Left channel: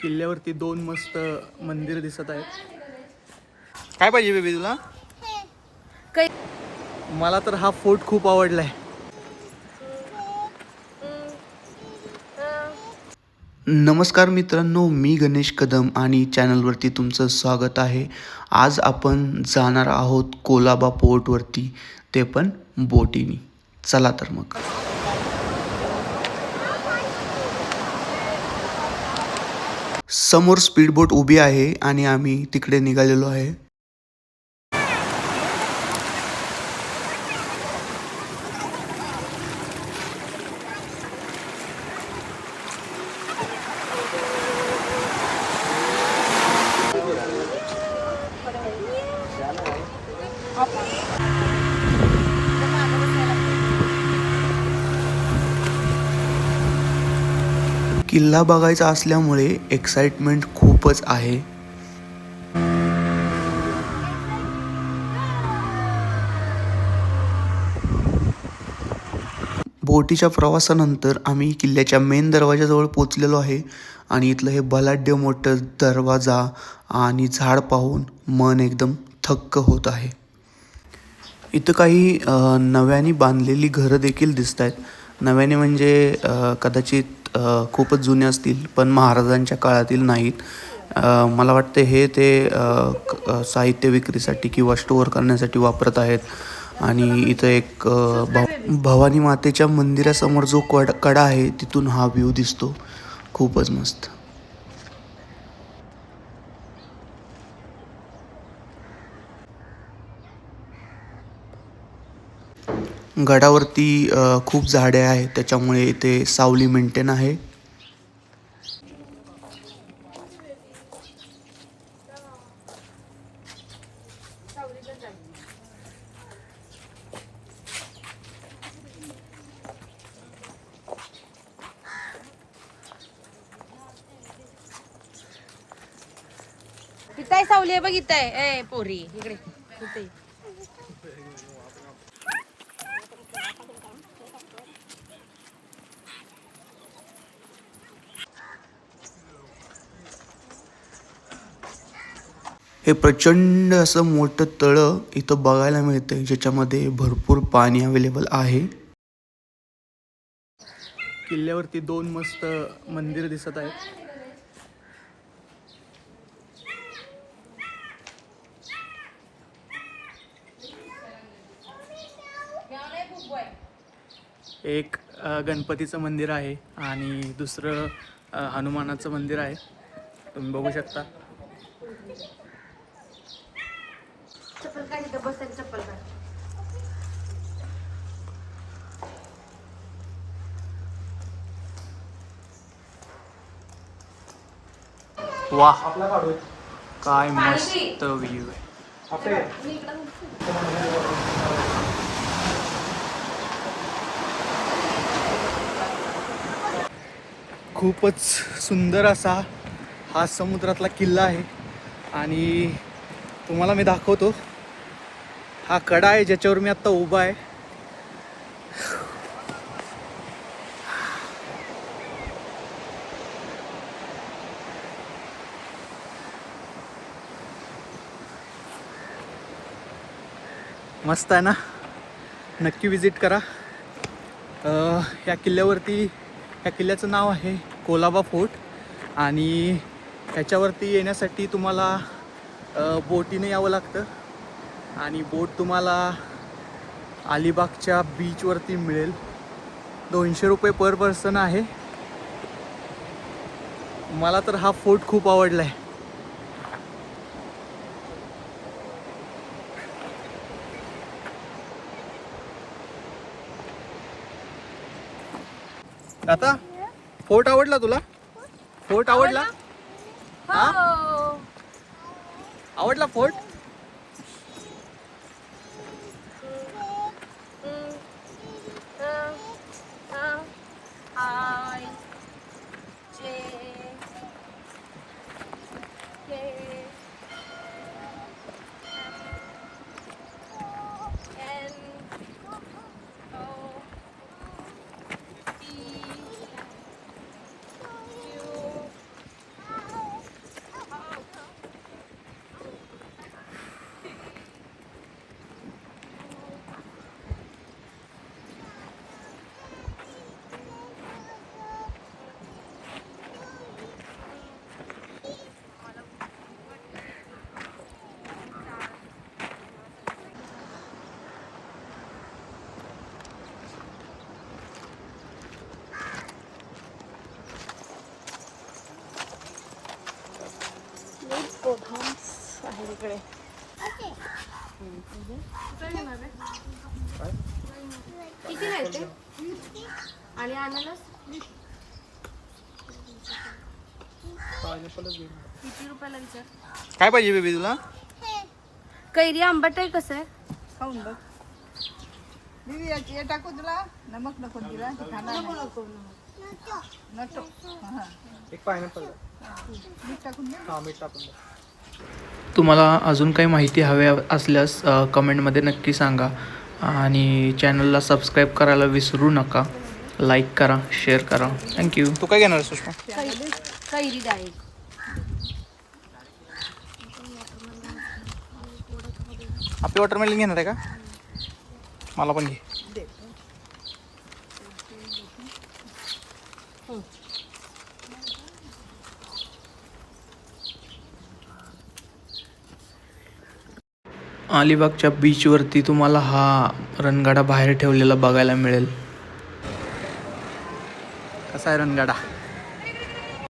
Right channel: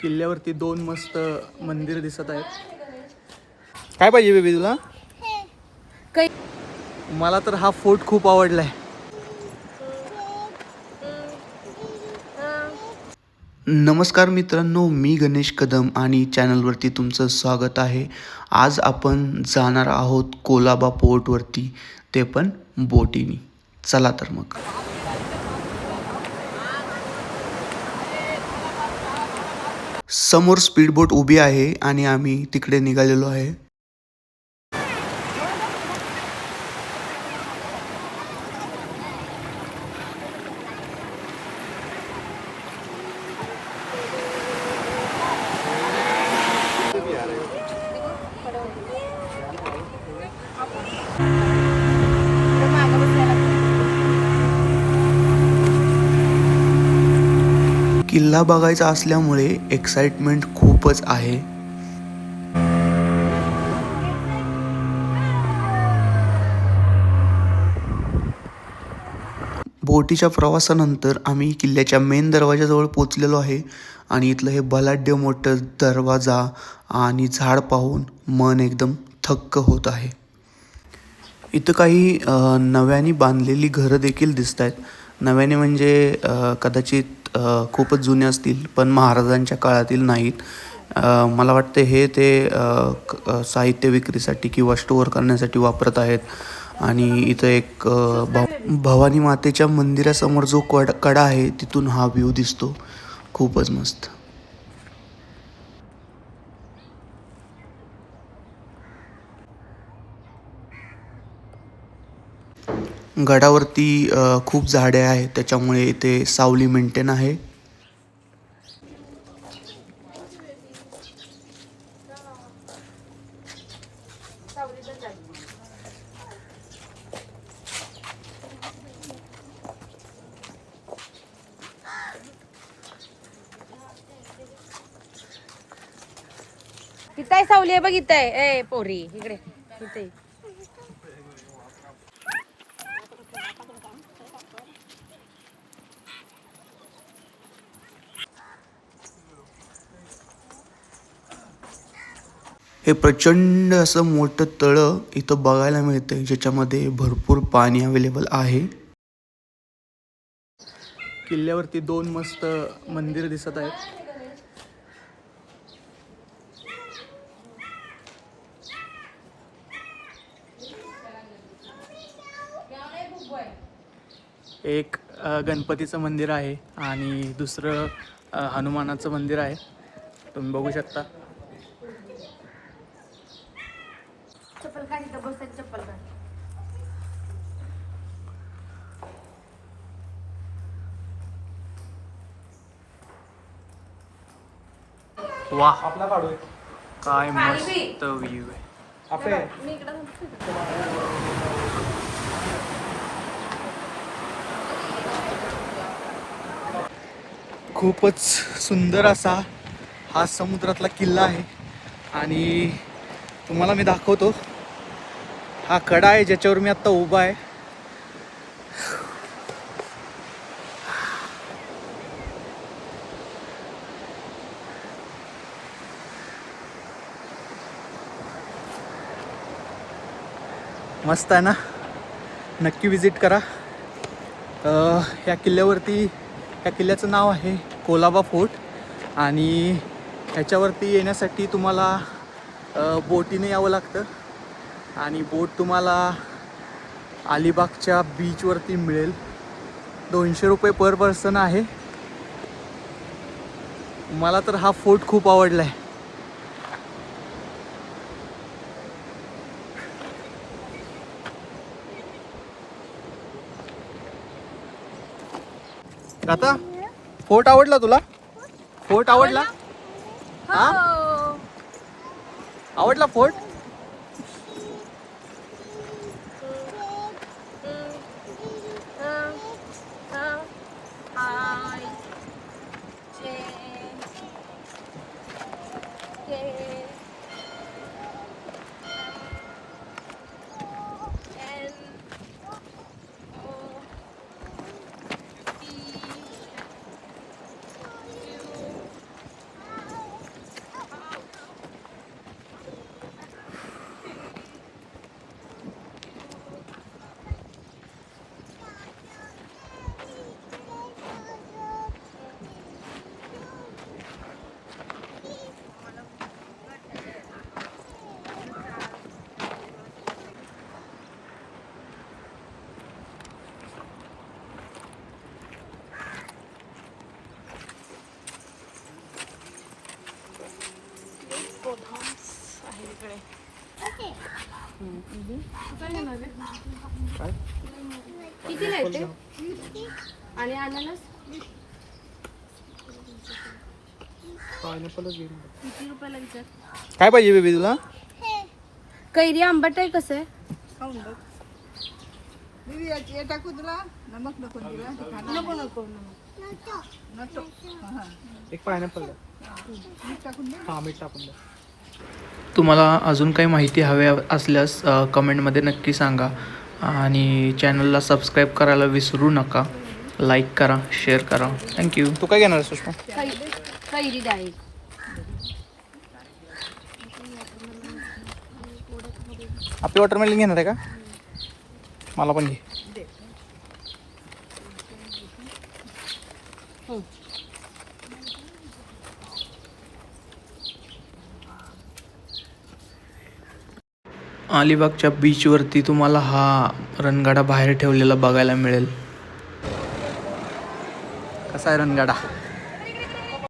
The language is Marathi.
किल्ल्यावरती दोन मस्त मंदिर दिसत आहेत. काय पाहिजे बेबी तुला? काही मला तर हा फोर्ट खूप आवडलाय. नमस्कार मित्रांनो, मी गणेश कदम आणि चॅनलवरती तुमचं स्वागत आहे. आज आपण जाणार आहोत कोलाबा पोर्टवरती, ते पण बोटीनी. चला तर मग. समोर स्पीड बोट उभी आहे आणि आम्ही तिकडे निघालेलो आहे. किल्ला बघायचा असल्यामुळे एक्साइटमेंट खूपच आहे. बोटीच्या प्रवासानंतर आम्ही किल्ल्याच्या मेन दरवाजाजवळ पोचलेलो आहे आणि इथलं हे बलाढ्य मोठं दरवाजा आणि झाड पाहून मन एकदम थक्क होत आहे. इथं काही नव्याने बांधलेली घरं देखील दिसत आहेत. नव्याने म्हणजे कदाचित खूपच जुने असतील, पण महाराजांच्या काळातील नाहीत. मला वाटतं हे ते साहित्य विक्रीसाठी किंवा स्टोअर करण्यासाठी वापरत आहेत. आणि इथं एक भवानी मातेच्या मंदिरासमोर जो कडा आहे तिथून हा व्ह्यू दिसतो. खूपच मस्त. गडावरती खूप झाडे आहेत, त्याच्यामुळे इथे सावली मेंटेन आहे. इथं आहे सावली आहे, बघ इथं आहे. ए पोरी इकडे इथे. हे प्रचंड असं मोठं तळं इथं बघायला मिळतंय, ज्याच्यामध्ये भरपूर पाणी अवेलेबल आहे. किल्ल्यावरती दोन मस्त मंदिर दिसत आहेत. एक गणपतीचं मंदिर आहे आणि दुसरं हनुमानाचं मंदिर आहे. तुम्ही बघू शकता. चप्पल काढ, इथं बसायला चप्पल काढ. वाह, काय मस्त व्ह्यू आहे. खूपच सुंदर असा हा समुद्रातला किल्ला आहे आणि तुम्हाला मी दाखवतो. हा कडा आहे ज्याच्यावर मी आत्ता उभा आहे. मस्त आहे ना? नक्की विजिट करा. या किल्ल्याचं नाव आहे कोलाबा फोर्ट आणि ह्याच्यावरती येण्यासाठी तुम्हाला बोटीने यावं लागतं आणि बोट तुम्हाला अलिबागच्या बीचवरती मिळेल. 200 रुपये पर पर्सन आहे. मला तर हा फोर्ट खूप आवडला आहे. आता फोर्ट आवडला तुला? फोर्ट आवडला? हा, आवडला फोर्ट? इकडे किती नाही ते आणि अननस किती रुपयाला विचार काय पाहिजे बेबी तुला? कैरी आंबट आहे कसं आहे नको नको एक पायनॅपल हा मीठ टाकून द्या. तुम्हाला अजून काही माहिती हवी असल्यास कमेंटमध्ये नक्की सांगा आणि चॅनलला सबस्क्राईब करायला विसरू नका. लाईक करा, शेअर करा. थँक्यू. तू काय घेणार सुषमा? कैरी डाळी आपली वॉटरमेलन घेणार आहे का? मला पण घे. अलिबागच्या बीचवरती तुम्हाला हा रणगाडा बाहेर ठेवलेला बघायला मिळेल. कसा आहे रणगाडा?